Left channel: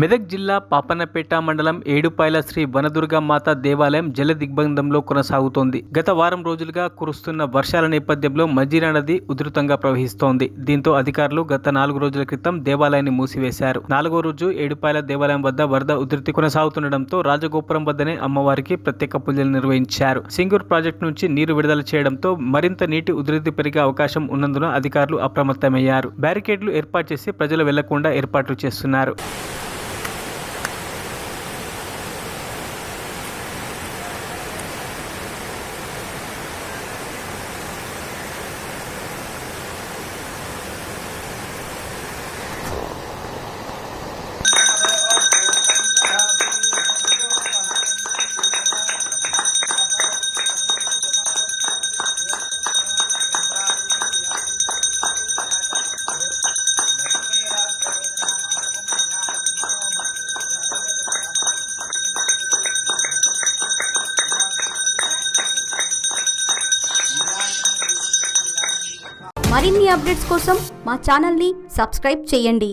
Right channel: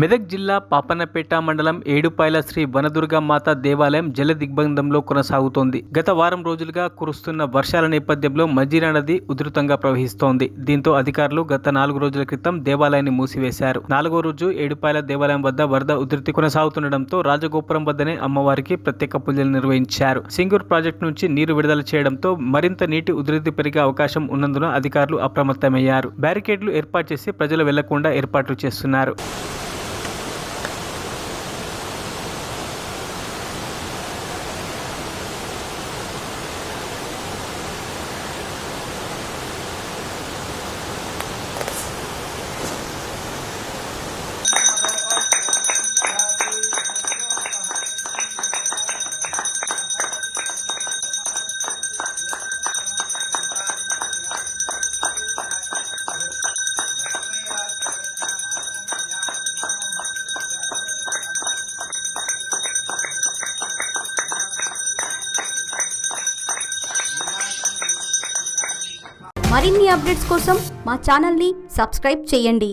మెదక్ జిల్లా పాపన్నపేట మండలం ఏడుపాయల శ్రీ వనదుర్గమాత దేవాలయం జల దిగ్బంధంలో కొనసాగుతోంది. గత వారం రోజులుగా కురుస్తున్న వర్షాల నేపథ్యంలో మజిరా నది ఉధృతంగా ప్రవహిస్తోంది. దీంతో అధికారులు గత 4 రోజుల క్రితం దేవాలయాన్ని మూసివేశారు. 4వ రోజు ఏడుపాయల దేవాలయం వద్ద వరద ఉధృతి కొనసాగుతుండటంతో రాజగోపురం వద్దనే అమ్మవారికి ప్రత్యేక పూజలు నిర్వహించారు. సింగూర్ ప్రాజెక్టు నుంచి నీరు విడుదల చేయడంతో మరింత నీటి ఉధృతి పెరిగే అవకాశం ఉన్నందున అధికారులు అప్రమత్తమయ్యారు. బ్యారికేడ్లు ఏర్పాటు చేసి ప్రజలు వెళ్లకుండా ఏర్పాట్లు చేస్తున్నారు. మరిన్ని అప్డేట్స్ కోసం మా ఛానల్ని సబ్స్క్రైబ్ చేయండి.